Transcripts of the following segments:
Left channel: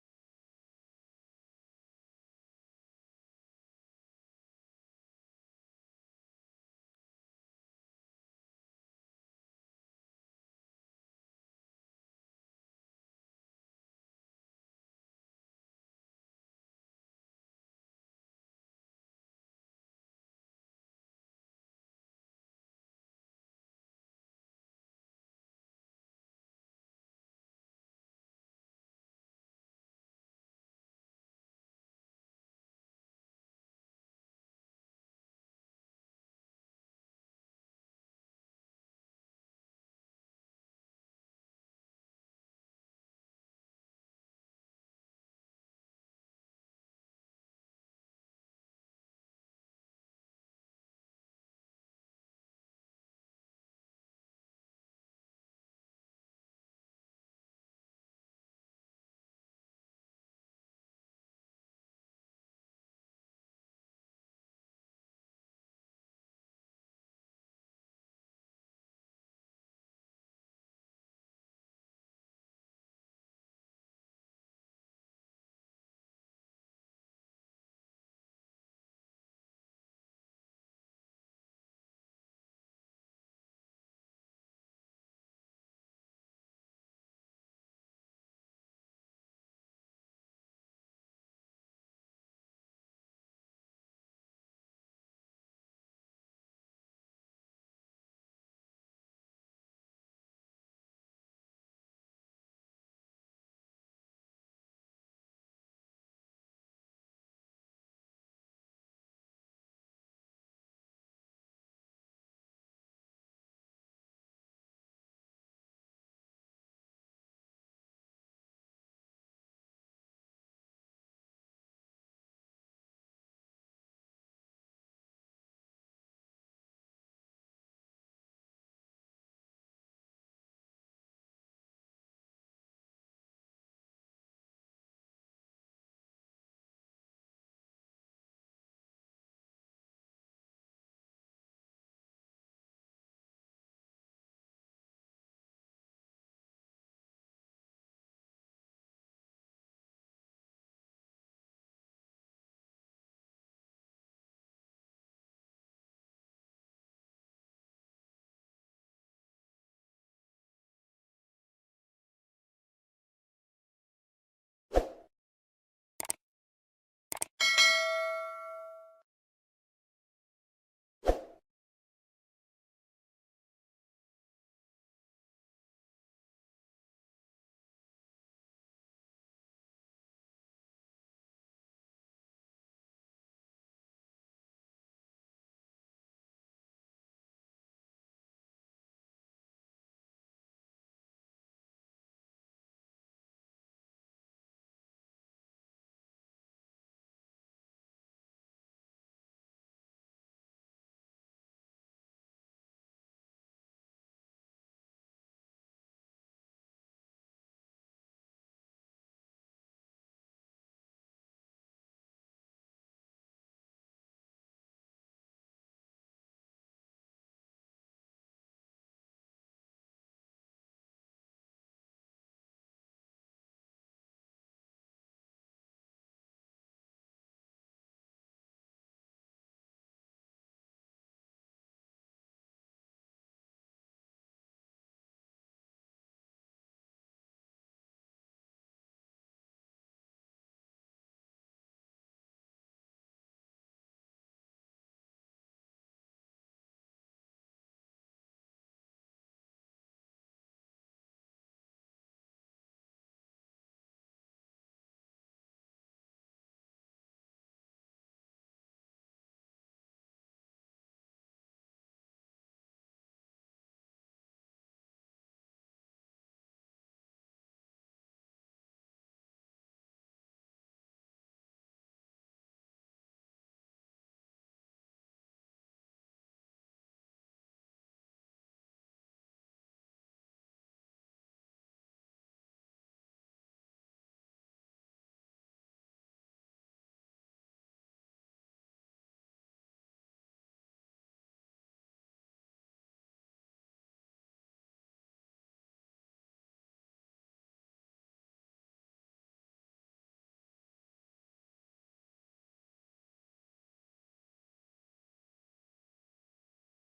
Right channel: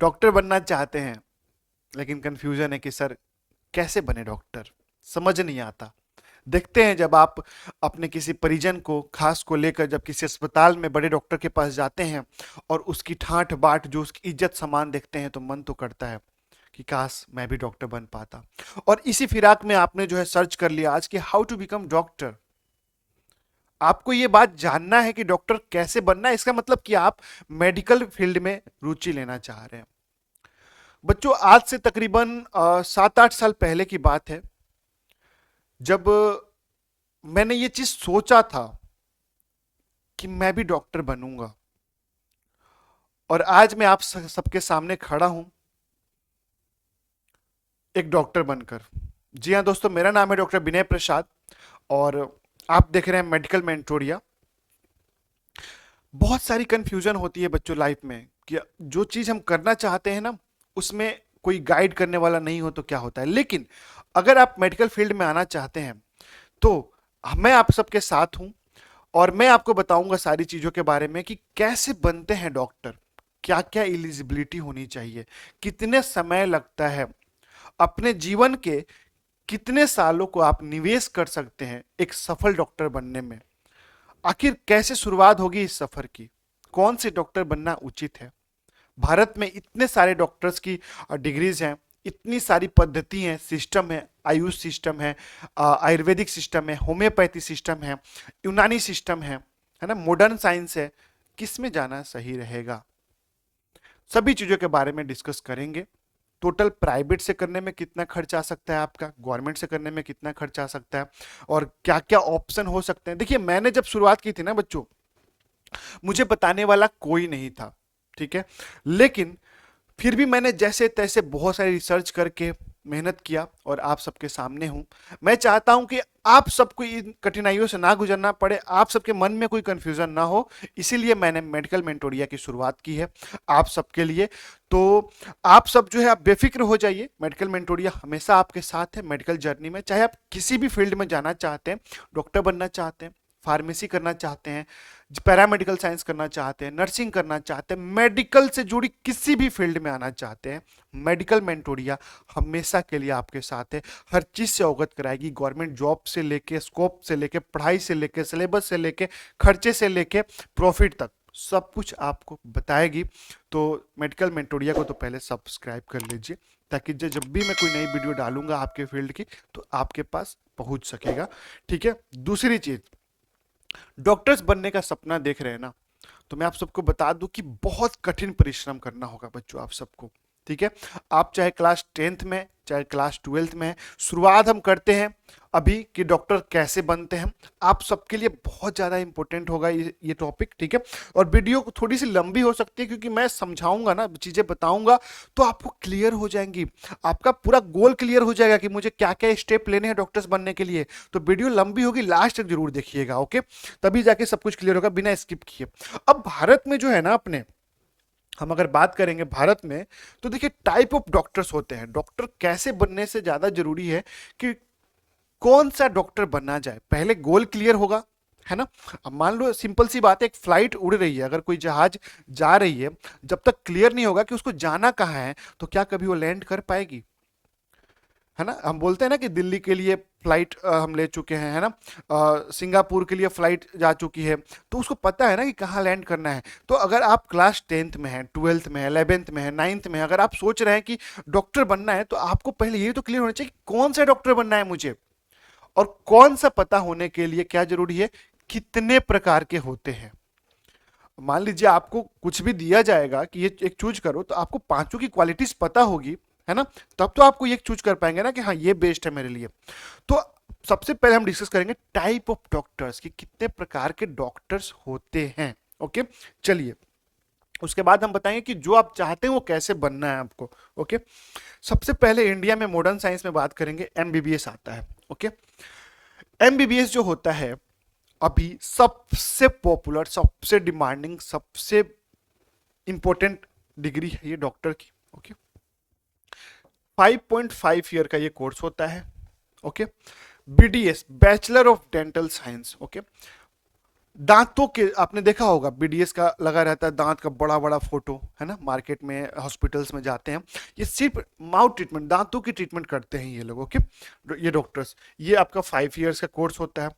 Doctor बनना चाहते हैं लेकिन कंफ्यूजन है कि सर कैसे बने डॉक्टर, समझ नहीं आता। देखते हैं जब आप अपने किसी परिजन को खास को लेकर जब किसी अस्पताल में बड़े डॉक्टर के पास जाते हैं और उसकी ठाठ बाट जो उसकी इज्जत सम्मान देखते हैं तो मन तो करता है कि काश मैं भी डॉक्टर बन पाता। और इसी फिराक में आपने जो है सर्च कर लिया आज कि हाउ टू बिकम डॉक्टर। आपको ये बात जानना है कि डॉक्टर कैसे बनना है, इसका मतलब कि आप मेडिकल फील्ड में रुचि लेना चाह रहे हैं। बच्चों आज से तकरीबन 7-8 साल पहले की बात है जब मैंने ये चीज सोचा था कि मैं भी डॉक्टर बनूंगा, और आज मैं आप सबके सामने खड़ा हूं एक डॉक्टर बनकर। जी हाँ दोस्तों, मेरा नाम है डॉक्टर विनय प्रसाद और आप देख रहे हैं मेडिकल मेंटोरिया। बहुत सारी कंफ्यूजन होती है बच्चों लाइफ में कि जो चीज हम करना चाहते हैं ना उसमें कोई गाइड करने वाला नहीं हो तो क्या होता है। लेकिन अगर आप मेडिकल फील्ड में आना चाहते हैं तो मैं आप सबके साथ हूं और मैं आपको बताऊंगा सारी चीजों के बारे में कि कैसे बनते हैं डॉक्टर, क्या क्या एलिजिबिलिटी होनी चाहिए, कितने समय लगता है, अपने जीवन के कितने सालों को आप निवेश कर सकते हैं एक सफल डॉक्टर बनने में। आखिर कैसे शुरुआत होगी इस सफर की, कौन से डॉक्टर बनना उचित है। भारत में इतने सारे डॉक्टर्स की डिग्रीज हैं, इतनी सारी पद्धति हैं, सिस्टम है, आयुष सिस्टम है, आयुर्वेदिक सिस्टम है, होम्योपैथी सिस्टम है, यूनानी सिस्टम है ना, मॉडर्न साइंस है। किस में जाना सही रहेगा, सभी चीजों के बारे में डिस्कस करेंगे। टोटल प्राइवेट से करने में कितना खर्च आ सकता है आपका, गवर्नमेंट से करने में कितना खर्च आ सकता है, और क्या क्या ऑप्शन हो सकते हैं। देखिए मैंने जब शुरुआत की थी ना बच्चों, मुझे बताने वाला कोई नहीं था, ठीक है। लेकिन फिर भी मैंने जैसे तैसे बहुत सारी रिसर्च करके मेहनत किया और आप सबके सामने हूं। मैं चाहता हूं कि आप सबको इन कठिनाइयों से ना गुजरना पड़े, आप सबके मन में कोई कंफ्यूजन ना हो, इसीलिए मैंने मेडिकल मेंटोरिया की शुरुआत की है आप सबके लिए। तो आप सब जो है आप बेफिक्र हो जाइए, मेडिकल मेंटोरिया हमेशा आपके साथ है मेडिकल जर्नी में। चाहे आप किसी भी फील्ड में जाना चाहते हैं, डॉक्टर बनना चाहते हैं, फार्मेसी करना चाहते हैं, पैरामेडिकल साइंस करना चाहते हैं, नर्सिंग करना चाहते हैं, मेडिकल से जुड़ी किसी भी फील्ड में आना चाहते हैं, मेडिकल मेंटोरिया हमेशा के लिए आपके साथ है। हर चीज से अवगत कराएगी, गवर्नमेंट जॉब से लेके, स्कोप से लेके, पढ़ाई से लेके, सिलेबस से लेके, खर्चे से लेके, प्रॉफिट तक सब कुछ आपको बताएगी। तो मेडिकल मेंटोरिया को तो पहले सब्सक्राइब कर लीजिए ताकि जब भी मैं कोई नई वीडियो डालूंगा आपके फील्ड की तो आपके पास पहुंच सकेगा, ठीक है। दूसरी चीज, डॉक्टर्स बनने का सपना देख रहे हैं ना, तो मैं आप सबको बता दूं कि बहुत कठिन परिश्रम करना होगा बच्चों आप सबको, ठीक है। आप चाहे क्लास 10th में चाहे क्लास 12th में हैं, शुरुआत हम करते हैं अभी कि डॉक्टर कैसे बनते हैं। आप सबके लिए बहुत ज़्यादा इंपॉर्टेंट होगा ये टॉपिक, ठीक है। और वीडियो थोड़ी सी लंबी हो सकती है क्योंकि मैं समझाऊंगा ना, चीज़ें बताऊंगा तो आपको क्लियर हो जाएंगी, आपका पूरा गोल क्लियर हो जाएगा कि मुझे क्या क्या स्टेप लेने हैं डॉक्टर्स बनने के लिए। तो वीडियो लंबी होगी, लास्ट तक जरूर देखिएगा, ओके, तभी जाके सब कुछ क्लियर होगा बिना स्किप किए। अब भारत में जो है ना अपने, हम अगर बात करेंगे भारत में, तो देखिए टाइप ऑफ डॉक्टर्स होते हैं। डॉक्टर कैसे बनने से ज्यादा जरूरी है कि कौन सा डॉक्टर बनना जाए, पहले गोल क्लियर होगा, है ना। अब मान लो सिंपल सी बात है, एक फ्लाइट उड़ रही है, अगर कोई जहाज जा रही है, जब तक क्लियर नहीं होगा कि उसको जाना कहाँ है तो क्या कभी वो लैंड कर पाएगी, है ना। हम बोलते हैं ना कि दिल्ली के लिए फ्लाइट हम ले चुके हैं, है ना, सिंगापुर के लिए फ्लाइट जा चुकी है, तो उसको पता है ना कि कहाँ लैंड करना है। तो अगर आप क्लास 10th में है, 12th में है, 11th में है, 9th में है, अगर आप सोच रहे हैं कि डॉक्टर बनना है तो आपको पहले ये तो क्लियर होना चाहिए कि कौन सा डॉक्टर बनना है मुझे, और कौन सा पता होने के लिए क्या जरूरी है, कितने प्रकार के होते हैं। मान लीजिए आपको कुछ भी दिया जाएगा कि ये एक चूज करो, तो आपको पांचों की क्वालिटीज पता होगी, है ना, तब तो आपको ये चूज कर पाएंगे ना कि हाँ ये बेस्ट है मेरे लिए। तो सबसे पहले हम डिस्कस करेंगे टाइप ऑफ डॉक्टर्स कि कितने प्रकार के डॉक्टर्स होते हैं, ओके। चलिए उसके बाद हम बताएंगे कि जो आप चाहते हैं वो कैसे बनना है आपको, ओके। सबसे पहले इंडिया में मॉडर्न साइंस में बात करेंगे, एमबीबीएस आता है, ओके। एमबीबीएस जो होता है अभी सबसे पॉपुलर, सबसे डिमांडिंग, सबसे इंपॉर्टेंट डिग्री है ये डॉक्टर की, ओके। 5.5 ईयर का ये कोर्स होता है, okay. BDS, bachelor of dental science, okay. दांतों के आपने देखा होगा बीडीएस का लगा रहता है, दांत का बड़ा बड़ा फोटो है ना, मार्केट में हॉस्पिटल्स में जाते हैं, ये सिर्फ माउथ ट्रीटमेंट, दांतों की ट्रीटमेंट करते हैं ये लोग। ओके, ये डॉक्टर्स, ये आपका 5 इयर्स का कोर्स होता है।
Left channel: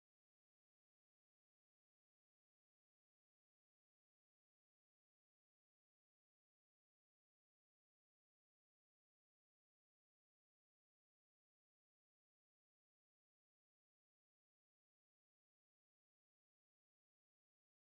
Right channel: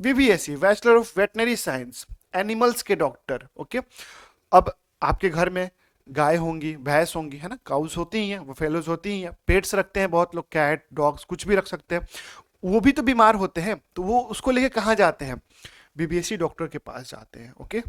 वीवीएससी, bachelor of veterinary science, animals के डॉक्टर। ओके, अब आपके घर में गाय होंगी, भैंस होंगी, है ना, काउस होती ही हैं, वो फेलोज होती ही हैं, पेट्स रखते हैं बहुत लोग, कैट डॉग्स कुछ भी रख सकते हैं, वो भी तो बीमार होते हैं, तो वो उसको लेके कहाँ जाते हैं, बीबीएससी डॉक्टर के पास जाते हैं। ओके,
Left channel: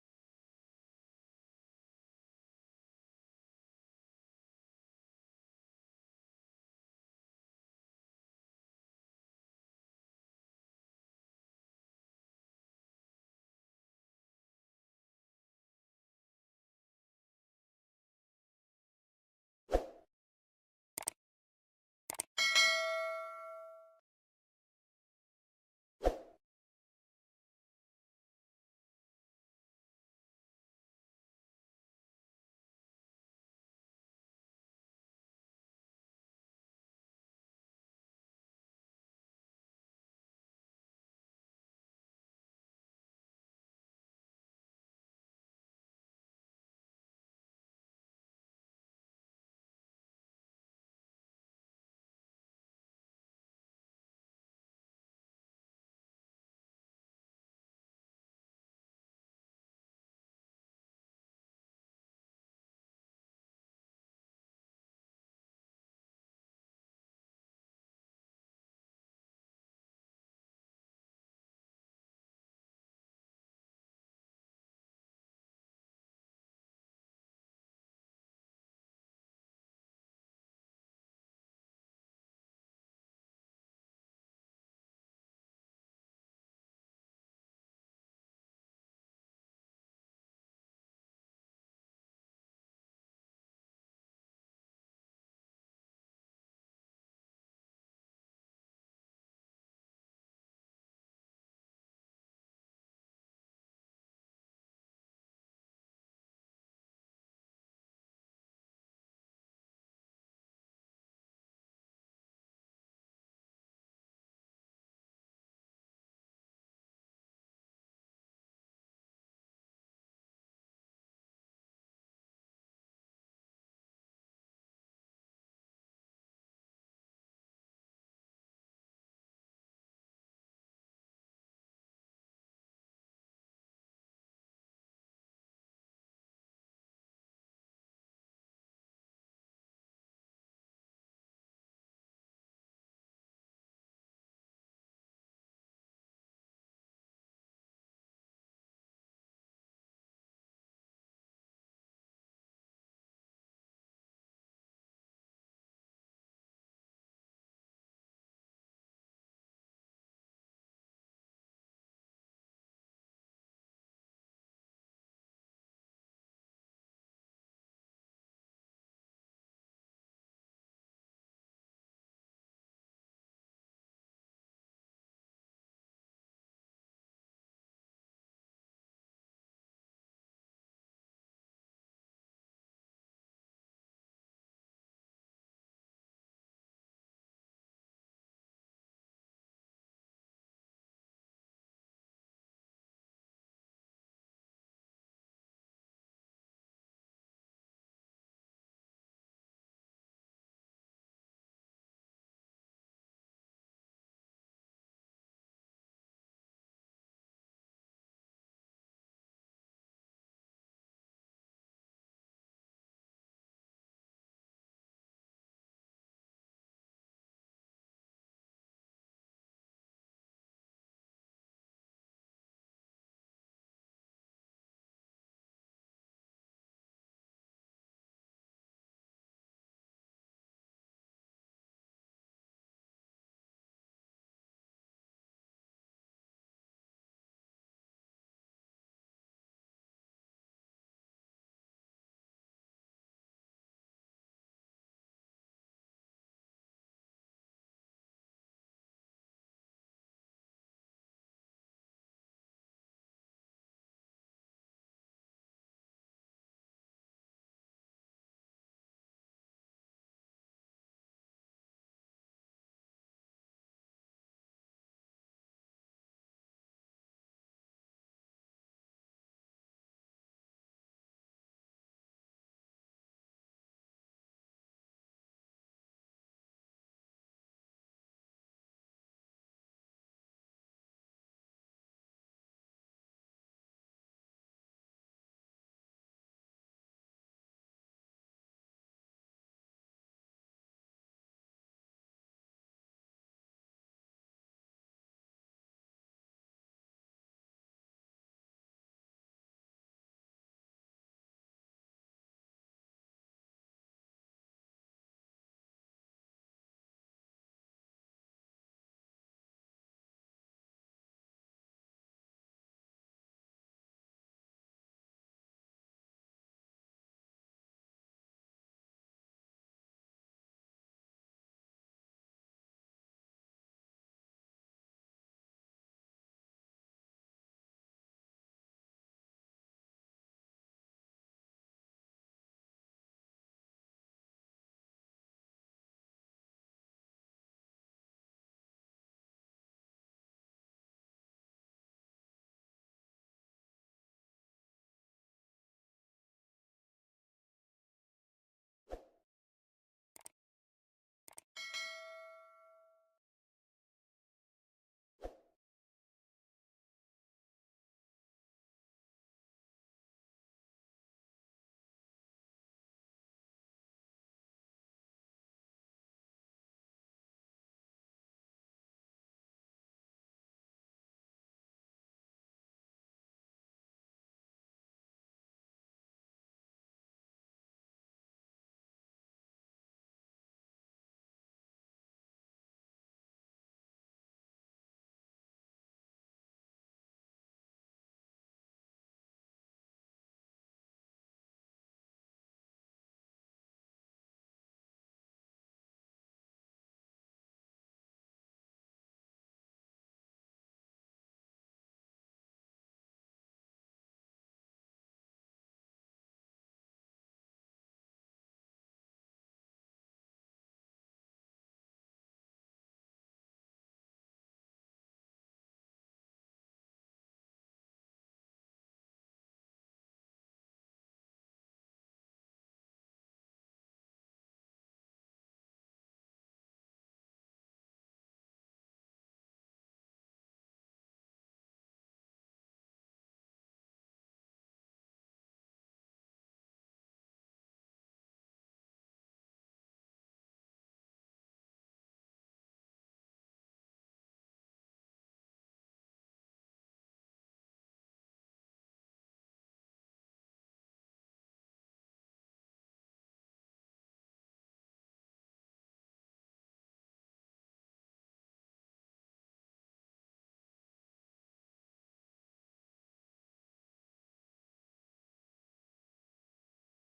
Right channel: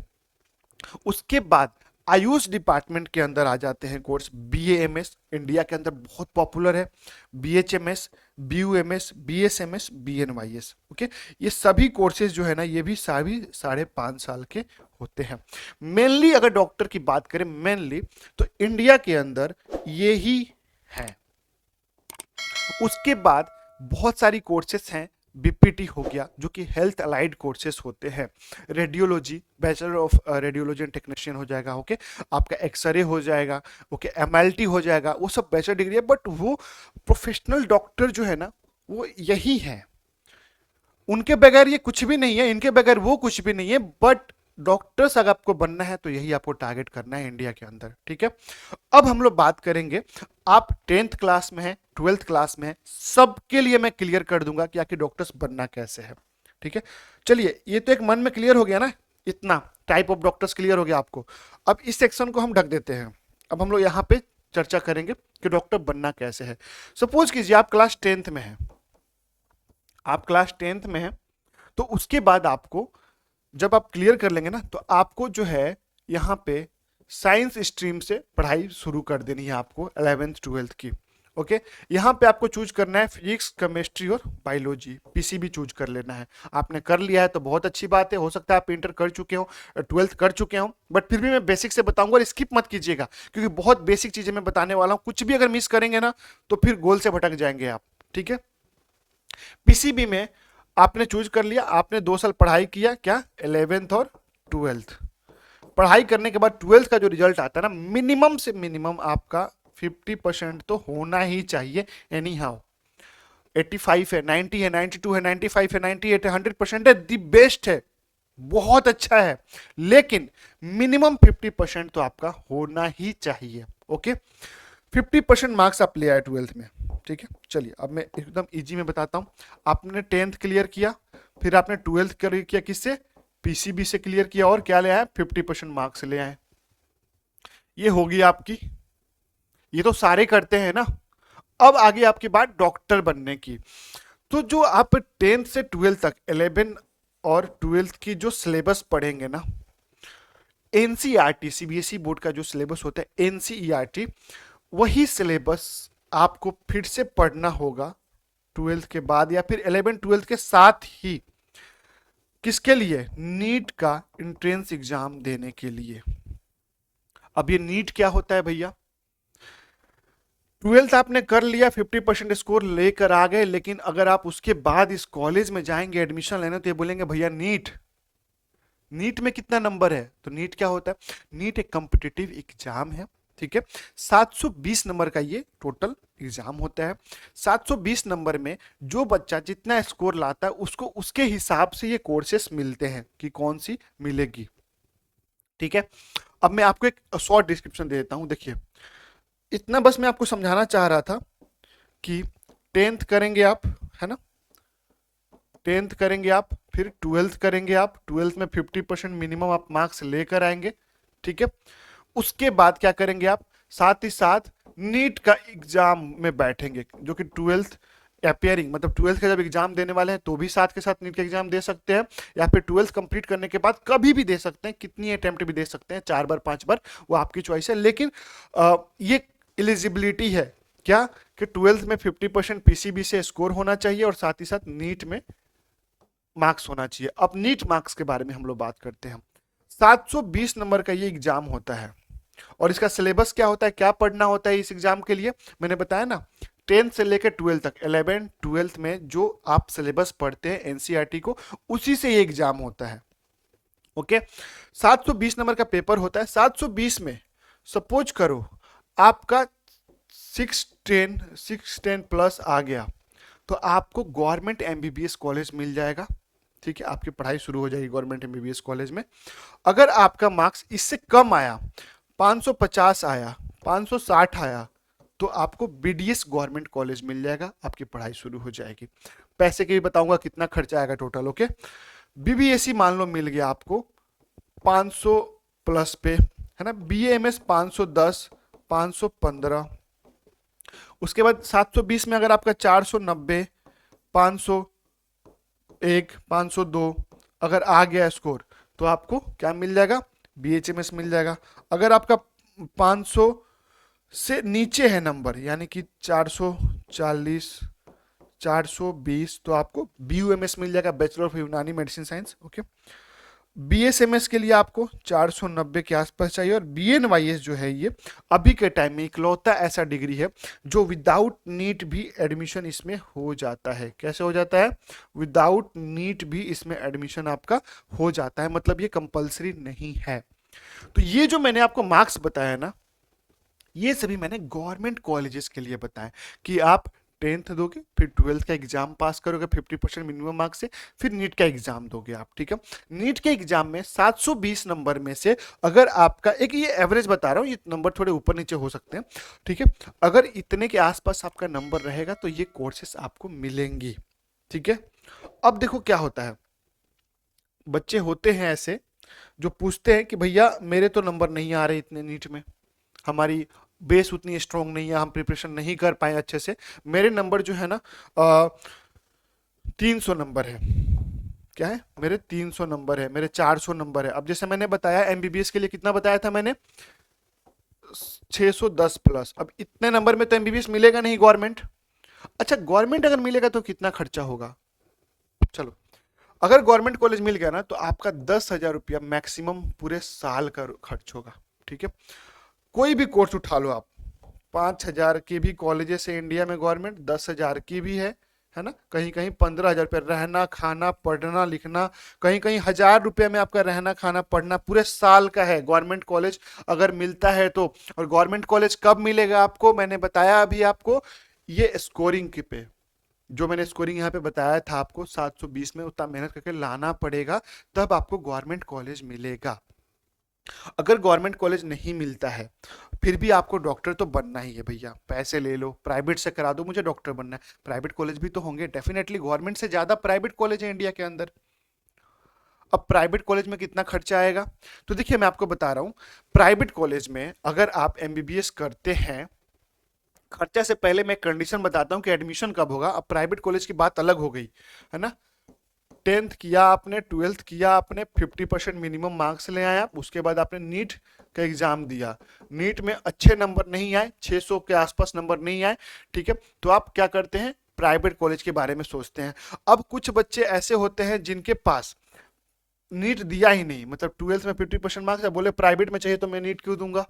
उसके बाद आयुष डिपार्टमेंट के अंदर आ जाते हैं कोर्स, बीएएमएस इंडिया के अंदर बहुत पॉपुलर है, बीएचएमएस, बीयूएमएस, बीएसएमएस, बीएनवाईएस। ओके, ये सभी कोर्सेज जो है ना, ये भी सभी 5.5 साल के होते हैं। मेनली अगर डॉक्टर की बात करें, मेनली तो इंडिया के अंदर ये ही है। उसके बाद बहुत सारी कोर्सेस हैं, बीपीटी हो गया जो कि हेल्थ अलाइड कोर्सेस होते हैं, radiology, bachelor of radiology and technician हो जाएगा। ओके, आपका एक्सरे हो जाएगा, ओके, एमएलटी हो जाएगा, वो सब बैचलर डिग्री है, बट वो प्रोफेशनल डॉक्टर जो है ना, वो यही है, उनके बगैर ये कुछ भी नहीं है, इनके बगैर वो कुछ भी नहीं है, बट डॉक्टर्स अगर आपको बनना है तो यही आपको टारगेट करना है इंडिया के अंदर। ठीक है, अब हम लोग बात करेंगे, आप 10th क्लास में है, 12th क्लास में है, सबके लिए मैं क्लियर कर दूंगा कि आखिर डॉक्टर्स बनना कैसे है। ठीक है, चलिए, ये तो एक मन में क्लियर हो गया ना, इतना टाइप ऑफ डॉक्टर्स क्लियर हो गया आपको। अब इस सेक्शन को हम ढक देते हैं, अब हम लोग यहाँ पे चर्चा करेंगे कि डॉक्टर बनना कैसे है। सपोज कीजिए आप क्लास 10th में है, आप क्लास 10th में है, तो उसके बाद आपको, जब आप क्लियर कर लेंगे ना, तो आपको जो है यहाँ पे साइंस स्ट्रीम से पढ़ाई शुरू कर देनी है आपको 11th 12th की। ओके, यहाँ पे आपको चूज करना है फिजिक्स, केमिस्ट्री और बायोलॉजी, पीसीबी चूज कर लेना है। आपने कर लिया है तो बहुत अच्छी बात है, हो सकता है आप इंटर कर चुके हो, 12th कर चुके हो, बट फिर भी मैं बेसिक से बताऊंगा और स्किप मत कीजिएगा, क्योंकि बहुत बेसिक चीजें मैं बताने वाला हूँ, कुछ भी अगर मिस करेंगे ना तो फिर गोल से भटक जाएंगे आप। ठीक है, पीसीबी में आपने चूज कर लिया, आपने 2 साल पढ़ाई किया, क्या 11th और 12th, पढ़ाई करने के बाद 12th का जो रिजल्ट आता है ना, मिनिमम से मिनिमम आपका 50% तो होना ही चाहिए, एनी हाउ। 85 है, 90 है, 92 है, 95 है, 98 है, 100% है, दी बेस्ट है, बहुत अच्छा है, लेकिन मिनिमम 50% तो आपका होना ही चाहिए। ओके, 50% मार्क्स आप ले आए 12th में। ठीक है, चलिए अब मैं एकदम इजी में बताता हूँ। आपने 10th क्लियर किया, फिर आपने 12th क्लियर किया, किससे, पीसीबी से क्लियर किया, और क्या ले आए, 50% मार्क्स ले आए। ये होगी आपकी, ये तो सारे करते हैं ना। अब आगे आपकी बात डॉक्टर बनने की, तो जो आप 10th से 12th तक 11 और 12th की जो सिलेबस पढ़ेंगे ना, एनसीईआरटी, सीबीएसई बोर्ड का जो सिलेबस होता है एनसीईआरटी, वही सिलेबस आपको फिर से पढ़ना होगा 12th के बाद, या फिर 11 12 के साथ ही, किसके लिए, नीट का एंट्रेंस एग्जाम देने के लिए। अब ये नीट क्या होता है भैया, 12th आपने कर लिया, 50% स्कोर लेकर आ गए, लेकिन अगर आप उसके बाद इस कॉलेज में जाएंगे एडमिशन लेने, तो ये बोलेंगे भैया नीट, नीट में कितना नंबर है, तो नीट क्या होता है, नीट एक कॉम्पिटिटिव एग्जाम है। ठीक है, 720 नंबर का ये टोटल एग्जाम होता है। 720 नंबर में जो बच्चा जितना स्कोर लाता है, उसको उसके हिसाब से ये कोर्सेस मिलते हैं कि कौन सी मिलेगी। ठीक है, अब मैं आपको एक शॉर्ट डिस्क्रिप्शन दे देता हूं, देखिए, इतना बस मैं आपको समझाना चाह रहा था कि 10th करेंगे आप, है ना, 10th करेंगे आप, फिर 12th करेंगे आप, 12th में 50% मिनिमम आप मार्क्स लेकर आएंगे। ठीक है, उसके बाद क्या करेंगे आप, साथ ही साथ नीट का एग्जाम में बैठेंगे, जो कि 12th अपियरिंग, मतलब 12th का जब एग्जाम देने वाले हैं तो भी साथ के साथ नीट का एग्जाम दे सकते हैं, या फिर 12th कंप्लीट करने के बाद कभी भी दे सकते हैं, कितनी अटेम्प्ट भी दे सकते हैं, 4 बार 5 बार, वो आपकी चॉइस है। लेकिन ये एलिजिबिलिटी है क्या, कि 12th में 50% पीसीबी से स्कोर होना चाहिए, और साथ ही साथ नीट में मार्क्स होना चाहिए। अब नीट मार्क्स के बारे में हम लोग बात करते हैं। 720 नंबर का ये एग्जाम होता है, और इसका सिलेबस क्या होता है, क्या पढ़ना होता है इस एग्जाम के लिए, मैंने बताया ना, 10th से लेकर 12th तक, 11 12th में जो आप सिलेबस पढ़ते हैं एनसीईआरटी को, उसी से ये एग्जाम होता है। ओके, 720 नंबर का पेपर होता है। 720 में सपोज करो आपका 610 प्लस आ गया, तो आपको गवर्नमेंट एमबीबीएस कॉलेज मिल जाएगा। ठीक है, आपकी पढ़ाई शुरू हो जाएगी गवर्नमेंट एमबीबीएस कॉलेज में। अगर आपका मार्क्स इससे कम आया, 550 आया, 560 आया, तो आपको बीडीएस गवर्नमेंट कॉलेज मिल जाएगा, आपकी पढ़ाई शुरू हो जाएगी। पैसे के भी बताऊंगा कितना खर्चा आएगा टोटल। ओके, बीबीएससी मान लो मिल गया आपको 500 प्लस पे, है ना, बीएमएस 510, 515, उसके बाद 720 में अगर आपका 490, 501, 502 अगर आ गया स्कोर, तो आपको क्या मिल जाएगा, बीएचएमएस मिल जाएगा। अगर आपका 500 से नीचे है नंबर, यानी कि 440, 420, तो आपको बीयूएमएस मिल जाएगा, बैचलर ऑफ यूनानी मेडिसिन साइंस। ओके, बीएसएमएस के लिए आपको 490 के आसपास चाहिए। और बीएनवाईएस जो है ये अभी के टाइम में इकलौता ऐसा डिग्री है जो विदाउट नीट भी एडमिशन इसमें हो जाता है। कैसे हो जाता है, विदाउट नीट भी इसमें एडमिशन आपका हो जाता है, मतलब ये कंपलसरी नहीं है। तो ये जो मैंने आपको मार्क्स बताया ना, ये सभी मैंने गवर्नमेंट कॉलेजेस के लिए बताया कि आप 10th दोगे, फिर 12th का एग्जाम पास करोगे 50% मिनिमम मार्क्स से, फिर नीट का एग्जाम दोगे आप। ठीक है, नीट के एग्जाम में 720 नंबर में से अगर आपका, एक ये एवरेज बता रहा हूँ, ये नंबर थोड़े ऊपर नीचे हो सकते हैं, ठीक है, अगर इतने के आसपास आपका नंबर रहेगा तो ये कोर्सेस आपको मिलेंगी। ठीक है, अब देखो क्या होता है, बच्चे होते हैं ऐसे जो पूछते हैं कि भैया मेरे तो नंबर नहीं आ रहे इतने नीट में, हमारी बेस उतनी स्ट्रांग नहीं है, हम प्रिपरेशन नहीं कर पाए अच्छे से, मेरे नंबर जो है ना 300 नंबर है, क्या है, मेरे 300 नंबर है, मेरे 400 नंबर है। अब जैसे मैंने बताया एमबीबीएस के लिए कितना बताया था मैंने, 610 प्लस। अब इतने नंबर में तो एमबीबीएस मिलेगा नहीं गवर्नमेंट। अच्छा, गवर्नमेंट अगर मिलेगा तो कितना खर्चा होगा, चलो, अगर गवर्नमेंट कॉलेज मिल गया ना तो आपका 10,000 रुपया मैक्सिमम पूरे साल का खर्च होगा। ठीक है, कोई भी कोर्स उठा लो आप, 5,000 के भी कॉलेजेस है इंडिया में गवर्नमेंट, 10,000 की भी है ना, कहीं कहीं 15,000 रुपये रहना खाना पढ़ना लिखना, कहीं कहीं 1,000 रुपये में आपका रहना खाना पढ़ना पूरे साल का है गवर्नमेंट कॉलेज अगर मिलता है तो। और गवर्नमेंट कॉलेज कब मिलेगा आपको, मैंने बताया अभी आपको, ये स्कोरिंग के पे, जो मैंने स्कोरिंग यहाँ पे बताया था आपको 720 में, उतना मेहनत करके लाना पड़ेगा, तब आपको गवर्नमेंट कॉलेज मिलेगा। अगर गवर्नमेंट कॉलेज नहीं मिलता है, फिर भी आपको डॉक्टर तो बनना ही है भैया, पैसे ले लो प्राइवेट से करा दो, मुझे डॉक्टर बनना है, प्राइवेट कॉलेज भी तो होंगे डेफिनेटली, गवर्नमेंट से ज्यादा प्राइवेट कॉलेज है इंडिया के अंदर। अब प्राइवेट कॉलेज में कितना खर्चा आएगा, तो देखिए मैं आपको बता रहा हूं, प्राइवेट कॉलेज में अगर आप एमबीबीएस करते हैं, खर्चा से पहले मैं कंडीशन बताता हूं कि एडमिशन कब होगा। अब प्राइवेट कॉलेज की बात अलग हो गई, है ना, 10th किया आपने, 12th किया आपने, 50% मिनिमम मार्क्स ले आया, उसके बाद आपने नीट का एग्जाम दिया, नीट में अच्छे नंबर नहीं आए, 600 के आसपास नंबर नहीं आए, ठीक है, तो आप क्या करते हैं, प्राइवेट कॉलेज के बारे में सोचते हैं। अब कुछ बच्चे ऐसे होते हैं जिनके पास नीट दिया ही नहीं, मतलब 12th में 50% मार्क्स है, बोले प्राइवेट में चाहिए तो मैं नीट क्यों दूंगा।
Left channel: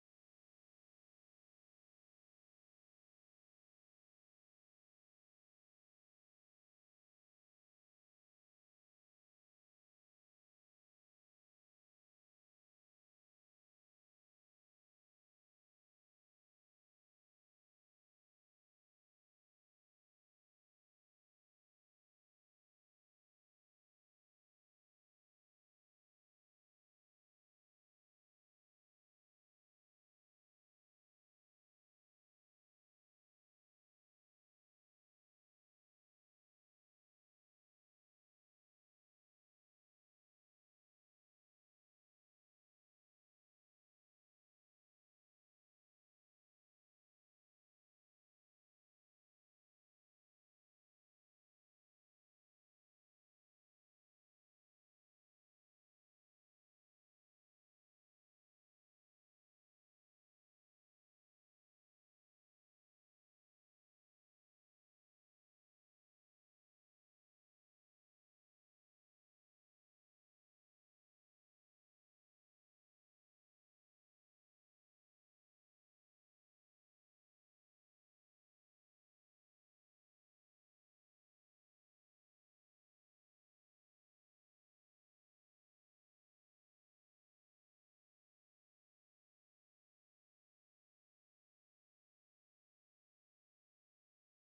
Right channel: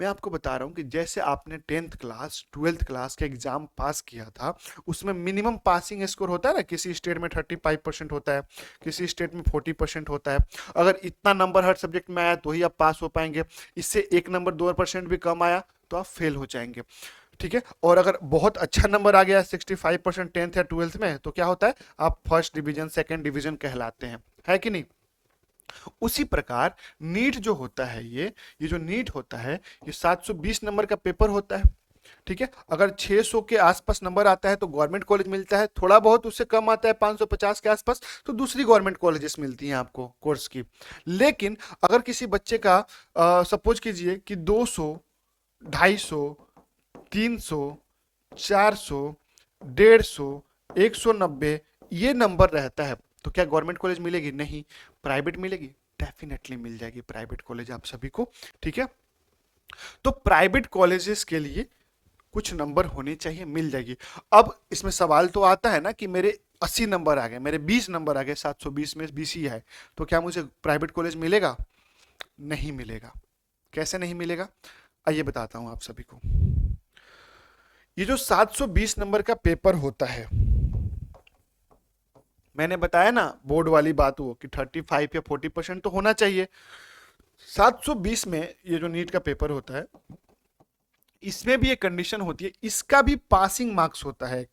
मैं आपको बता रहा हूँ कि जैसे आपने 10th क्लास 12th क्लास का एग्जाम पास किया था, उसमें मिनिमम पासिंग स्कोर होता है ना, किसी स्टेट में 35% होता है, किसी स्टेट में 40% होता है, अगर इतना नंबर हर सब्जेक्ट में आया तो ही आप पास हो पाएंगे, इससे एक नंबर 2% भी कम आया तो आप फेल हो जाएंगे। ठीक है, और अगर बहुत अच्छा नंबर आ गया 65% 10th या 12th में, तो क्या होता है, आप फर्स्ट डिवीजन सेकेंड डिवीजन कहलाते हैं, है कि नहीं। उसी प्रकार नीट जो होता है, ये जो नीट होता है, ये 720 नंबर का पेपर होता है। ठीक है, अगर 600 के आसपास नंबर आता है तो गवर्नमेंट कॉलेज मिलता है, थोड़ा बहुत उससे कम आता है 550 के आसपास तो दूसरी गवर्नमेंट कॉलेजेस मिलती हैं आपको कोर्स की। लेकिन अगर किसी बच्चे का सपोज कीजिए कि 200, 250, 300, 400, 150, 190 ये नंबर रहता है, तो क्या गवर्नमेंट कॉलेज मिलेगी, नहीं, प्राइवेट मिलेगी, डेफिनेटली मिल जाएगी प्राइवेट कॉलेज आप सभी को। ठीक है, तो प्राइवेट कॉलेजेस के लिए कुछ नंबर होने चाहिए, मिल जाएगी। अब इसमें सवाल तो आता है ना कि मेरे 80 नंबर आ गए, मेरे 20 नंबर आ गए, 720 में 20 ही है, तो क्या मुझे प्राइवेट कॉलेज मिलेगा, नहीं मिलेगा। कैसे नहीं मिलेगा, आइए बताता हूं आप सभी को। ये जो 720 नंबर का पेपर होता है, मैंने बताया ना बोर्ड वाली बात वो कि 35 या 40% तो होना चाहिए। 720 में ये जो नीट का पेपर होता है, इसमें भी एक कंडीशन होती है, इसका भी पासिंग मार्क्स होता है।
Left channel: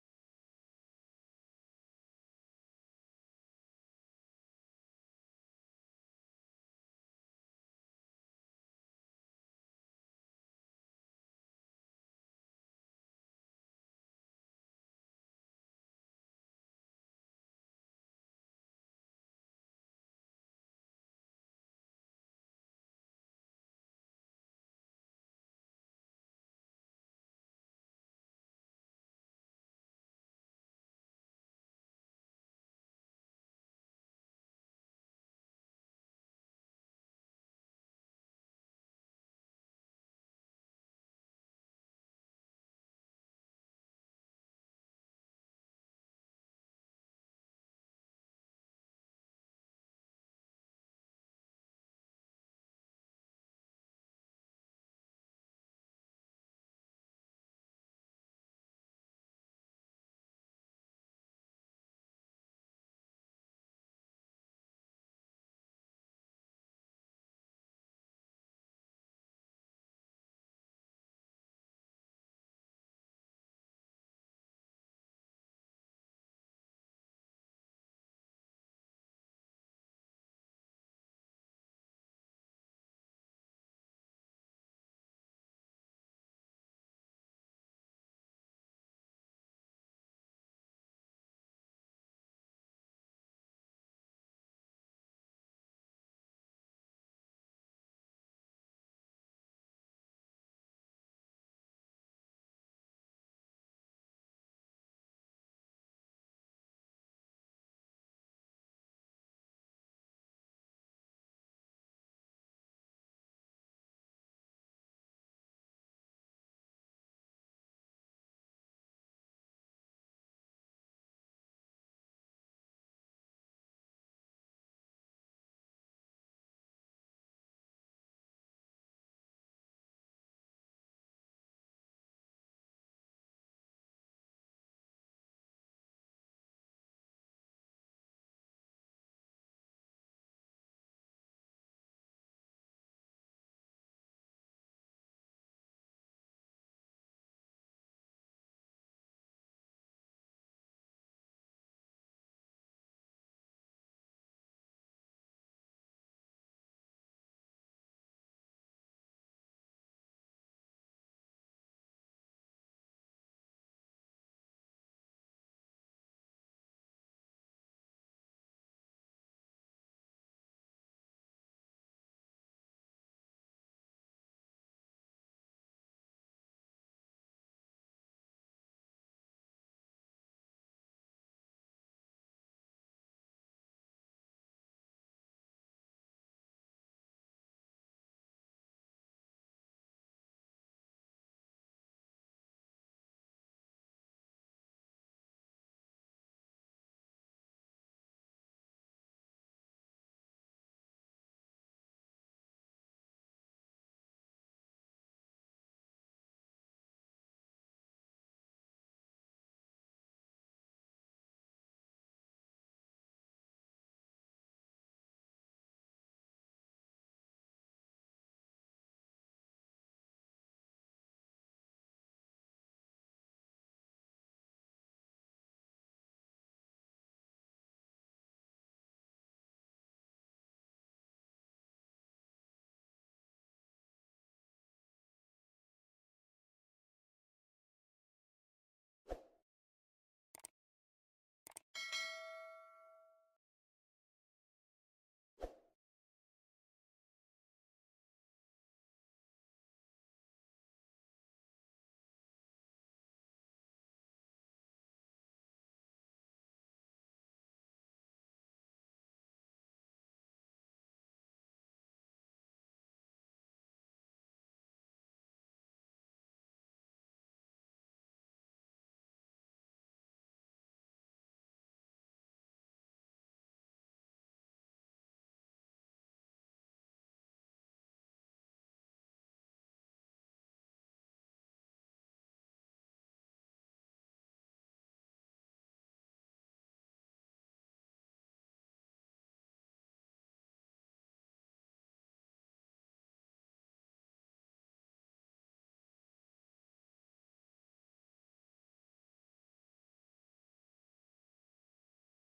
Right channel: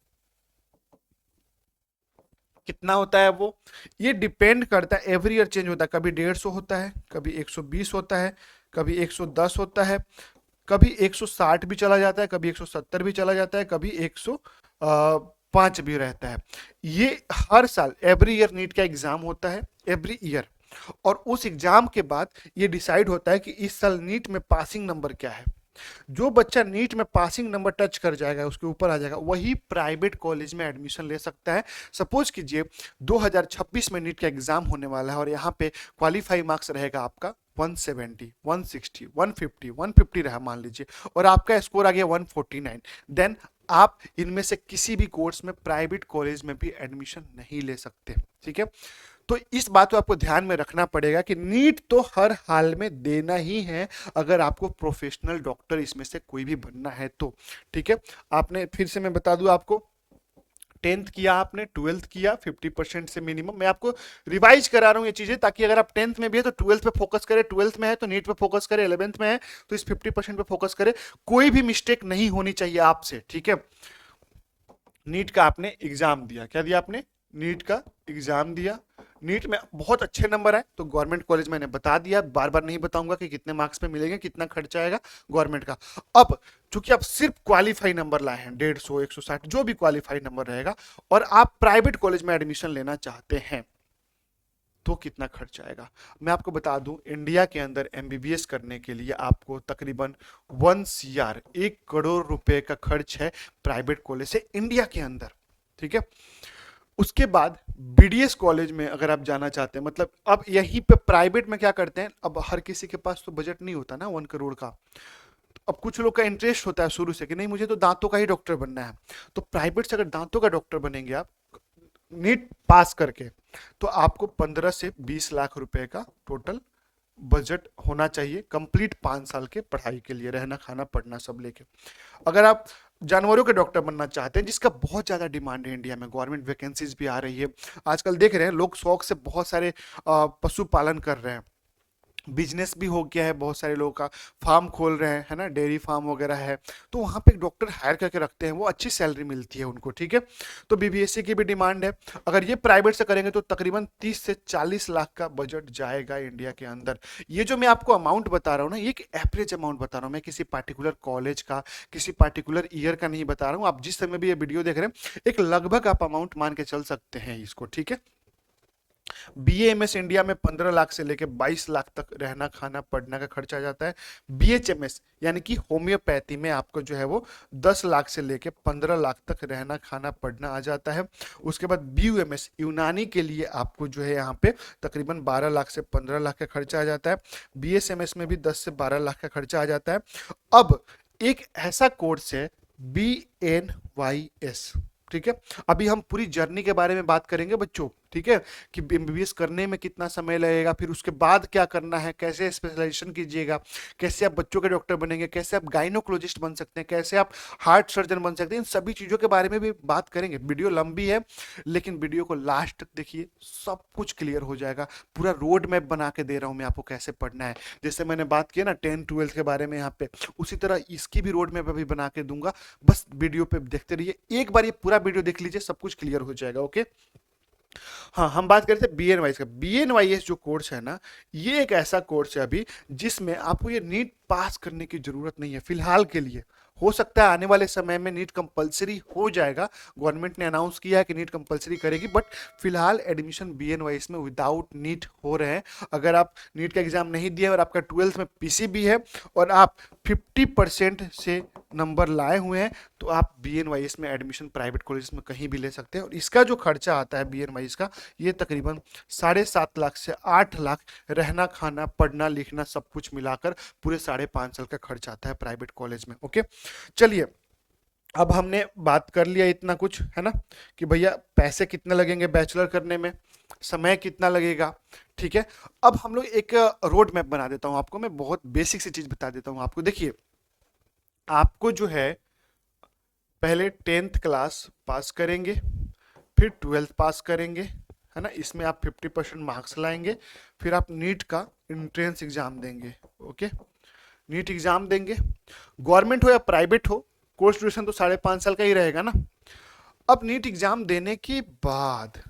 कितना होता है वो, ये डिपेंड करता है, एवरी ईयर चेंज होता है, कभी 150 होता है, कभी 120 होता है, कभी 110 होता है, कभी 160 भी चला जाता है, कभी 170 भी चला जाता है, कभी 105 भी रहता है। ये हर साल एवरी ईयर नीट का एग्जाम होता है, एवरी ईयर। और उस एग्जाम के बाद ये डिसाइड होता है कि इस साल नीट में पासिंग नंबर क्या है। जो बच्चा नीट में पासिंग नंबर टच कर जाएगा, उसके ऊपर आ जाएगा, वही प्राइवेट कॉलेज में एडमिशन ले सकता है। सपोज कीजिए 2026 में नीट का एग्जाम होने वाला है और यहाँ पे क्वालिफाई मार्क्स रहेगा आपका 170, 160, 150, 150 रहा मान लीजिए, और आपका स्कोर आ गया 149, देन आप इनमें से किसी भी कोर्स में प्राइवेट कॉलेज में भी एडमिशन नहीं ले सकते। ठीक है, तो इस बात को आपको ध्यान में रखना पड़ेगा कि नीट तो हर हाल में देना ही है, अगर आपको प्रोफेशनल डॉक्टर इसमें से कोई भी बनना है तो। ठीक है, आपने, फिर से मैं बता दूं आपको, 10th किया, आपने 12th किया, 50% से मिनिमम, मैं आपको रिवाइज करा रहा हूं ये चीजें, ताकि अगर आप 10th में भी है तो 12th पे फोकस करें, 12th में है तो नीट पे फोकस करें, 11th में है तो इस 50% पे फोकस करें, कोई भी मिस्टेक नहीं होनी चाहिए आपसे। ठीक है, नीट का आपने एग्जाम दिया, क्या दिया आपने, नीट का एग्जाम दिया, नीट में बहुत अच्छे नंबर आए तो गवर्नमेंट कॉलेज मैंने बता दिया, बार बार नहीं बताऊंगा कि कितने मार्क्स पे मिलेंगे, कितना खर्चा आएगा गवर्नमेंट का। अब चूंकि आप सिर्फ क्वालिफाई नंबर लाए हैं, 150, 160 जो भी क्वालिफाई नंबर रहेगा, और आप प्राइवेट कॉलेज में एडमिशन लेना चाहते हैं, तो कितना खर्च आएगा मैं आपको बता दूं। इंडिया के अंदर एमबीबीएस करने के लिए आपको तकरीबन 1 CR, 1 करोड़ रुपए का खर्च है प्राइवेट कॉलेज से इंडिया के अंदर। ठीक है, उसके बाद बीडीएस कॉलेज में अगर आप जाना चाहते हैं, मतलब अब यहीं पे प्राइवेट में क्या करते हैं, अब हर किसी के पास तो बजट नहीं होता ना 1 करोड़ का। अब कुछ लोग का इंटरेस्ट होता है शुरू से कि नहीं मुझे तो दांतों का ही डॉक्टर बनना है, तो प्राइवेट से अगर दांतों का डॉक्टर बनेंगे आप नीट पास करके, तो आपको 15 से 20 लाख रुपए का टोटल बजट होना चाहिए कंप्लीट 5 साल के पढ़ाई के लिए, रहना खाना पढ़ना सब लेके। अगर आप जानवरों के डॉक्टर बनना चाहते हैं, जिसका बहुत ज्यादा डिमांड है इंडिया में, गवर्नमेंट वैकेंसीज भी आ रही है आजकल, देख रहे हैं लोग शौक से बहुत सारे पशु पालन कर रहे हैं, बिजनेस भी हो गया है, बहुत सारे लोगों का फार्म खोल रहे हैं, है ना, डेयरी फार्म वगैरह है, तो वहाँ पे एक डॉक्टर हायर करके रखते हैं, वो अच्छी सैलरी मिलती है उनको। ठीक है, तो बीबीएससी की भी डिमांड है। अगर ये प्राइवेट से करेंगे तो तकरीबन 30 से 40 लाख का बजट जाएगा इंडिया के अंदर। ये जो मैं आपको अमाउंट बता रहा हूँ ना, ये एक एवरेज अमाउंट बता रहा हूँ, मैं किसी पार्टिकुलर कॉलेज का, किसी पार्टिकुलर ईयर का नहीं बता रहा हूँ। आप जिस समय भी ये वीडियो देख रहे हैं, एक लगभग आप अमाउंट मान के चल सकते हैं इसको। ठीक है, बीएएमएस इंडिया में 15 लाख से लेके 22 लाख तक रहना खाना पढ़ना का खर्चा आ जाता है। बीएचएमएस यानी कि होम्योपैथी में आपको जो है वो 10 लाख से लेके 15 लाख तक रहना खाना पढ़ना आ जाता है। उसके बाद बीयूएमएस यूनानी के लिए आपको जो है यहाँ पे तकरीबन 12 लाख से 15 लाख का खर्चा आ जाता है। बीएसएमएस में भी 10 से 12 लाख का खर्चा आ जाता है। अब एक ऐसा कोर्स है BNYS। ठीक है, अभी हम पूरी जर्नी के बारे में बात करेंगे बच्चों। ठीक है, कि एमबीबीएस करने में कितना समय लगेगा, फिर उसके बाद क्या करना है, कैसे स्पेशलाइजेशन कीजिएगा, कैसे आप बच्चों के डॉक्टर बनेंगे, कैसे आप गाइनोकोलॉजिस्ट बन सकते हैं, कैसे आप हार्ट सर्जन बन सकते हैं, इन सभी चीजों के बारे में भी बात करेंगे। वीडियो लंबी है लेकिन वीडियो को लास्ट तक देखिए, सब कुछ क्लियर हो जाएगा। पूरा रोड मैप बना के दे रहा हूं मैं आपको कैसे पढ़ना है। जैसे मैंने बात किया ना 10th 12th के बारे में यहाँ पे, उसी तरह इसकी भी रोड मैप अभी बना के दूंगा। बस वीडियो पे देखते रहिए, एक बार ये पूरा वीडियो देख लीजिए, सब कुछ क्लियर हो जाएगा। ओके, हाँ, हम बात करते हैं बीएनवाईएस का। बीएनवाईएस जो कोर्स है ना, ये एक ऐसा कोर्स है अभी जिसमें आपको ये नीट पास करने की जरूरत नहीं है फिलहाल के लिए। हो सकता है आने वाले समय में नीट कंपलसरी हो जाएगा, गवर्नमेंट ने अनाउंस किया है कि नीट कंपलसरी करेगी, बट फिलहाल एडमिशन बीएनवाईएस में विदाउट नीट हो रहे हैं। अगर आप नीट का एग्जाम नहीं दिए और आपका 12th में पीसीबी है और आप 50% से नंबर लाए हुए हैं, तो आप बीएनवाईएस में एडमिशन प्राइवेट कॉलेज में कहीं भी ले सकते हैं। और इसका जो खर्चा आता है बीएनवाईएस का, ये तकरीबन 7.5 लाख से 8 लाख, रहना खाना पढ़ना लिखना सब कुछ मिलाकर पूरे 5.5 साल का खर्च आता है प्राइवेट कॉलेज में। ओके, चलिए, अब हमने बात कर लिया इतना कुछ, है ना, कि भैया पैसे कितने लगेंगे बैचलर करने में, समय कितना लगेगा। ठीक है, अब हम लोग एक रोड मैप बना देता हूं आपको, मैं बहुत बेसिक सी चीज बता देता हूं आपको। देखिए, आपको जो है पहले 10th क्लास पास करेंगे, फिर 12th पास करेंगे, है ना, इसमें आप 50% मार्क्स लाएंगे, फिर आप नीट का एंट्रेंस एग्जाम देंगे। ओके, नीट एग्जाम देंगे, गवर्नमेंट हो या प्राइवेट हो, कोर्स ड्यूरेशन तो 5.5 साल का ही रहेगा ना। अब नीट एग्जाम देने के बाद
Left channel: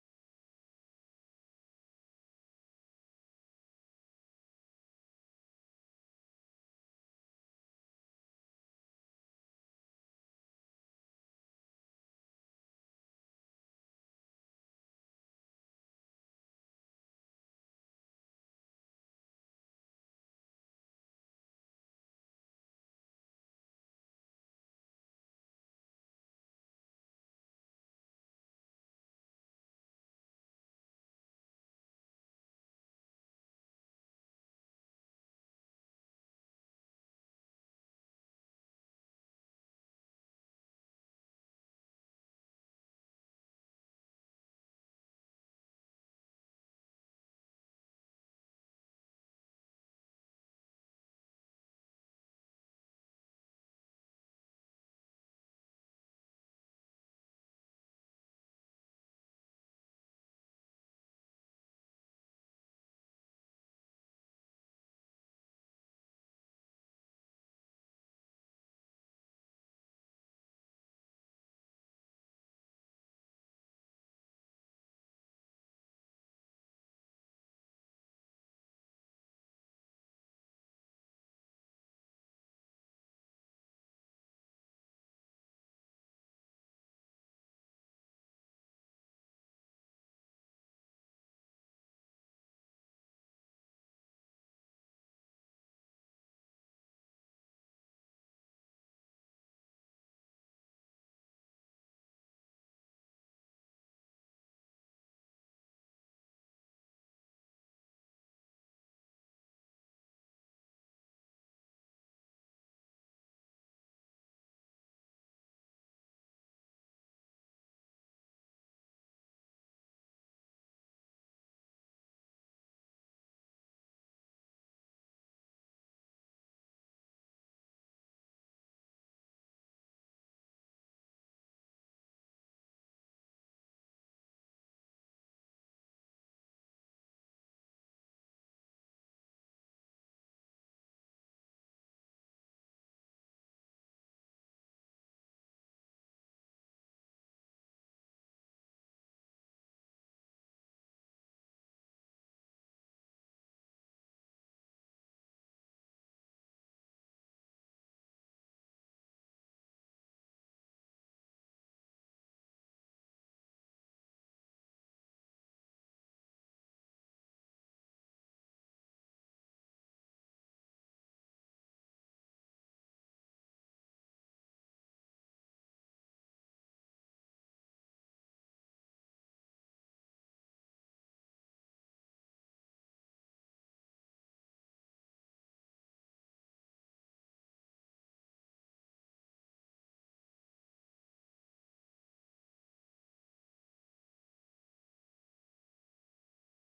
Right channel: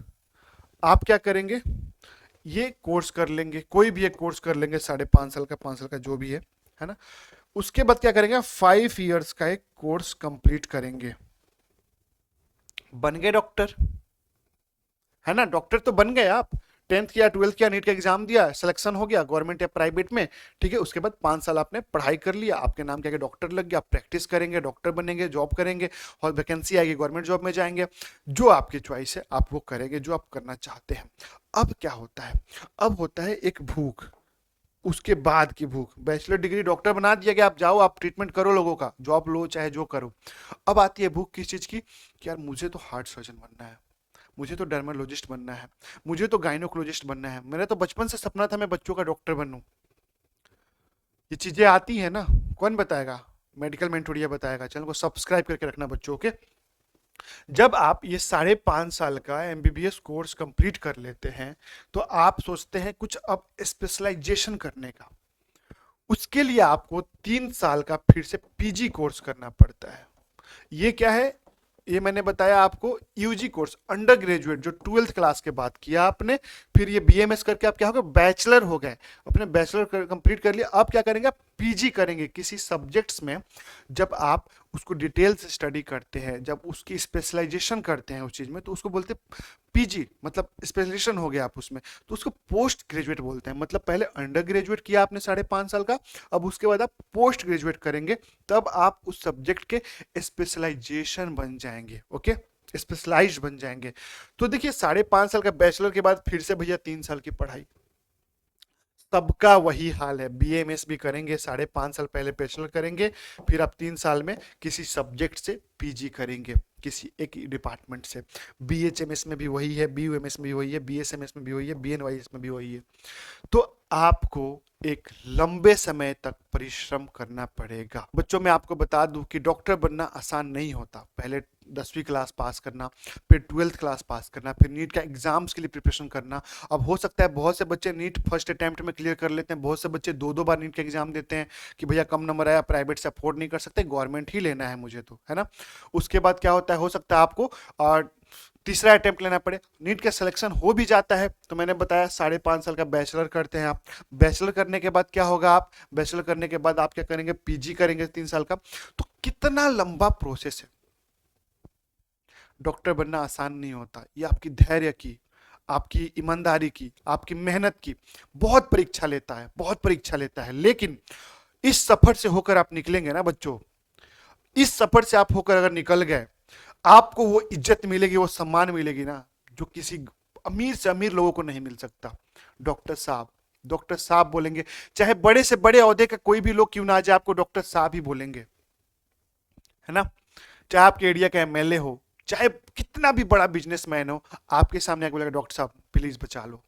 आप क्या करेंगे, ये कोर्स कर लेंगे, कोई भी एक कोर्स कर लेंगे, 5.5 साल का, 5 साल का, जो भी है ना। उसके बाद क्या करेंगे, 5 इयर्स का एक कोर्स कंप्लीट करेंगे, बन गए डॉक्टर, है ना। डॉक्टर तो बन गए आप, 10th किया, 12th किया, नीट का एग्जाम दिया, सिलेक्शन हो गया गवर्नमेंट या प्राइवेट में, ठीक है। उसके बाद 5 साल आपने पढ़ाई कर लिया, आपके नाम के आगे डॉक्टर लग गया, आप प्रैक्टिस करेंगे, डॉक्टर बनेंगे, जॉब करेंगे, और वैकेंसी आएगी गवर्नमेंट जॉब में जाएंगे, जो आपकी चॉइस है आप वो करेंगे, जो आप करना चाहते हैं। अब क्या होता है, अब होता है एक भूख, उसके बाद की भूख। बैचलर डिग्री डॉक्टर बना दिया गया, आप जाओ, आप ट्रीटमेंट करो लोगों का, जॉब लो चाहे जो करो। अब आती है भूख किस चीज की, कि यार मुझे तो हार्ट सर्जन बनना है, मुझे तो डर्मेटोलॉजिस्ट बनना है, मुझे तो गायनोकोलॉजिस्ट बनना है, मेरा तो बचपन से सपना था मैं बच्चों का डॉक्टर बनूं। ये चीजें आती है ना, कौन बताएगा, मेडिकल मेंटोरिया बताएगा। चैनल को सब्सक्राइब करके रखना बच्चों के। जब आप ये 5.5 साल का एमबीबीएस कोर्स कंप्लीट कर लेते हैं, तो आप सोचते हैं कुछ अब स्पेशलाइजेशन करने का। उसके लिए आपको 3 साल का फिर से पीजी कोर्स करना पड़ता है। ये क्या है, ये मैंने बताया आपको, यूजी कोर्स, अंडर ग्रेजुएट, जो 12th क्लास के बाद किया आपने, फिर ये बीएमएस करके आप क्या हो गए, बैचलर हो गए, अपने बैचलर कंप्लीट कर लिया। अब क्या करेंगे, आप पीजी करेंगे किसी सब्जेक्ट्स में। जब आप उसको डिटेल से स्टडी करते हैं, जब उसकी स्पेशलाइजेशन करते हैं उस चीज में, तो उसको बोलते हैं पीजी, मतलब स्पेशलाइजेशन हो गया आप उसमें, तो उसको पोस्ट ग्रेजुएट बोलते हैं। मतलब पहले अंडर ग्रेजुएट किया आपने 5.5 साल का, अब उसके बाद आप पोस्ट ग्रेजुएट करेंगे, तब आप उस सब्जेक्ट के स्पेशलाइजेशन बन जाएंगे, ओके, स्पेशलाइज्ड बन जाएंगे। तो देखिए 5.5 साल का बैचलर के बाद फिर से भैया 3 साल की पढ़ाई, सबका वही हाल है। बीएमएस भी करेंगे, 5.5 साल पहले बैचलर करेंगे, फिर आप 3 साल में किसी सब्जेक्ट से पीजी करेंगे, किसी एक डिपार्टमेंट से। बीएचएमएस में भी वही है, बीयूएमएस में भी वही है, बीएसएमएस में भी वही है, बीएनवाईएस में भी वही है। तो आपको एक लंबे समय तक परिश्रम करना पड़ेगा। बच्चों, मैं आपको बता दूं कि डॉक्टर बनना आसान नहीं होता। पहले 10वीं क्लास पास करना, फिर 12th क्लास पास करना, फिर नीट का एग्जाम्स के लिए प्रिपरेशन करना। अब हो सकता है बहुत से बच्चे नीट फर्स्ट अटेम्प्ट में क्लियर कर लेते हैं, बहुत से बच्चे 2-2 बार नीट का एग्जाम देते हैं कि भैया कम नंबर आया, प्राइवेट से अफोर्ड नहीं कर सकते, गवर्नमेंट ही लेना है मुझे, तो है ना। उसके बाद क्या होता है, हो सकता है आपको तीसरा अटेम्प्ट लेना पड़े, नीट का सिलेक्शन हो भी जाता है। तो मैंने बताया 5.5 साल का बैचलर करते हैं आप। बैचलर करने के बाद क्या होगा, आप बैचलर करने के बाद आप क्या करेंगे, पीजी करेंगे 3 साल का। तो कितना लंबा प्रोसेस है। डॉक्टर बनना आसान नहीं होता, ये आपकी धैर्य की, आपकी ईमानदारी की, आपकी मेहनत की बहुत परीक्षा लेता है, बहुत परीक्षा लेता है। लेकिन इस सफर से होकर आप निकलेंगे ना बच्चों, इस सफर से आप होकर अगर निकल गए, आपको वो इज्जत मिलेगी, वो सम्मान मिलेगी ना, जो किसी अमीर से अमीर लोगों को नहीं मिल सकता। डॉक्टर साहब, डॉक्टर साहब बोलेंगे, चाहे बड़े से बड़े ओहदे का कोई भी लोग क्यों ना आ जाए, आपको डॉक्टर साहब ही बोलेंगे, है ना। चाहे आपके एरिया का एमएलए हो, चाहे कितना भी बड़ा बिजनेसमैन हो, आपके सामने आके बोलेगा डॉक्टर साहब प्लीज बचा लो,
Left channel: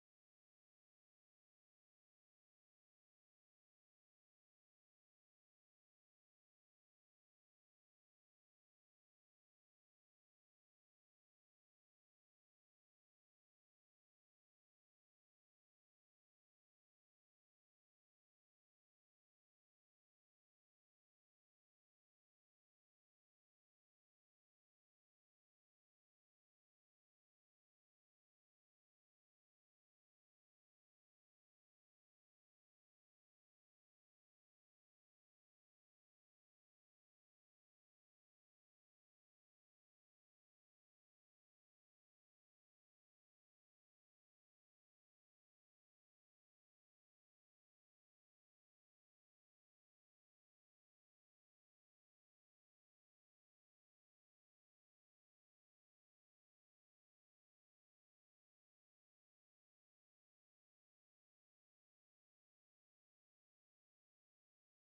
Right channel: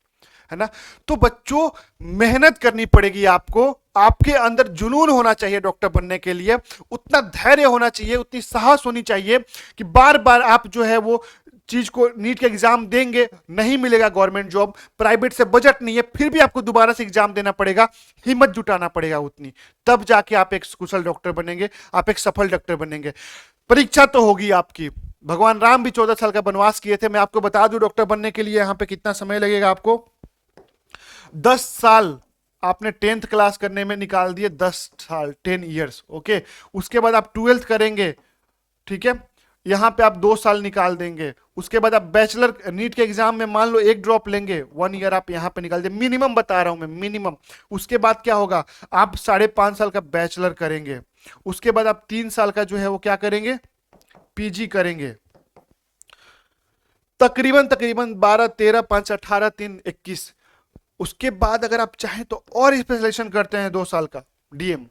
है ना। तो बच्चों, मेहनत करनी पड़ेगी आपको, आपके अंदर जुनून होना चाहिए डॉक्टर बनने के लिए, उतना धैर्य होना चाहिए, उतनी साहस होनी चाहिए कि बार बार आप जो है वो चीज को, नीट का एग्जाम देंगे, नहीं मिलेगा गवर्नमेंट जॉब, प्राइवेट से बजट नहीं है, फिर भी आपको दोबारा से एग्जाम देना पड़ेगा, हिम्मत जुटाना पड़ेगा उतनी, तब जाके आप एक कुशल डॉक्टर बनेंगे, आप एक सफल डॉक्टर बनेंगे। परीक्षा तो होगी आपकी। भगवान राम भी 14 साल का वनवास किए थे। मैं आपको बता दूं डॉक्टर बनने के लिए यहां पे कितना समय लगेगा आपको, 10 साल आपने 10th क्लास करने में निकाल दिए, 10 साल, 10 इयर्स, ओके। उसके बाद आप 12th करेंगे, ठीक है, यहां पे आप 2 साल निकाल देंगे। उसके बाद आप बैचलर नीट के एग्जाम में मान लो एक ड्रॉप लेंगे, 1 ईयर आप यहां पे निकाल दे, मिनिमम बता रहा हूं मैं, मिनिमम। उसके बाद क्या होगा, आप 5.5 साल का बैचलर करेंगे। उसके बाद आप 3 साल का जो है वो क्या करेंगे, पीजी करेंगे। तकरीबन तकरीबन 12, 13, 5, 18, 3, 21। उसके बाद अगर आप चाहें तो और स्पेशलाइजेशन करते हैं 2 साल का डीएम,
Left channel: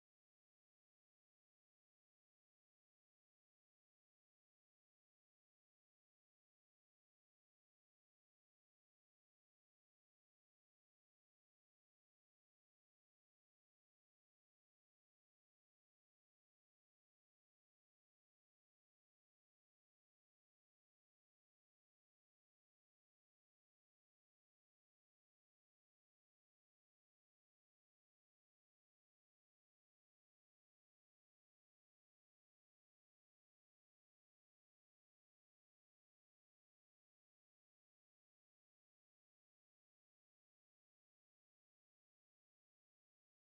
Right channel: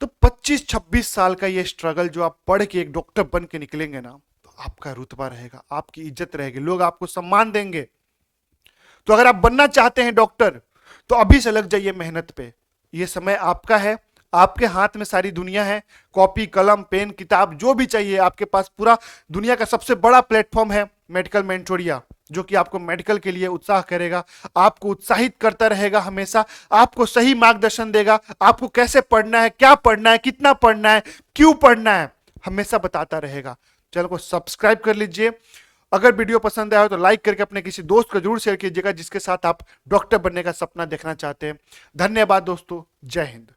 तो 25-26 साल का ये स्ट्रगल जो आप पढ़ के एक डॉक्टर बन के निकलेंगे ना, तो आपका रुतबा रहेगा, आपकी इज्जत रहेगी, लोग आपको सम्मान देंगे। तो अगर आप बनना चाहते हैं डॉक्टर, तो अभी से लग जाइए मेहनत पे। ये समय आपका है, आपके हाथ में सारी दुनिया है, कॉपी कलम पेन किताब जो भी चाहिए आपके पास, पूरा दुनिया का सबसे बड़ा प्लेटफॉर्म है मेडिकल मेंटोरिया, जो कि आपको मेडिकल के लिए उत्साह करेगा, आपको उत्साहित करता रहेगा हमेशा, आपको सही मार्गदर्शन देगा, आपको कैसे पढ़ना है, क्या पढ़ना है, कितना पढ़ना है, क्यों पढ़ना है, हमेशा बताता रहेगा। चैनल को सब्सक्राइब कर लीजिए। अगर वीडियो पसंद आया हो तो लाइक करके अपने किसी दोस्त को जरूर शेयर कीजिएगा जिसके साथ आप डॉक्टर बनने का सपना देखना चाहते हैं। धन्यवाद दोस्तों, जय हिंद।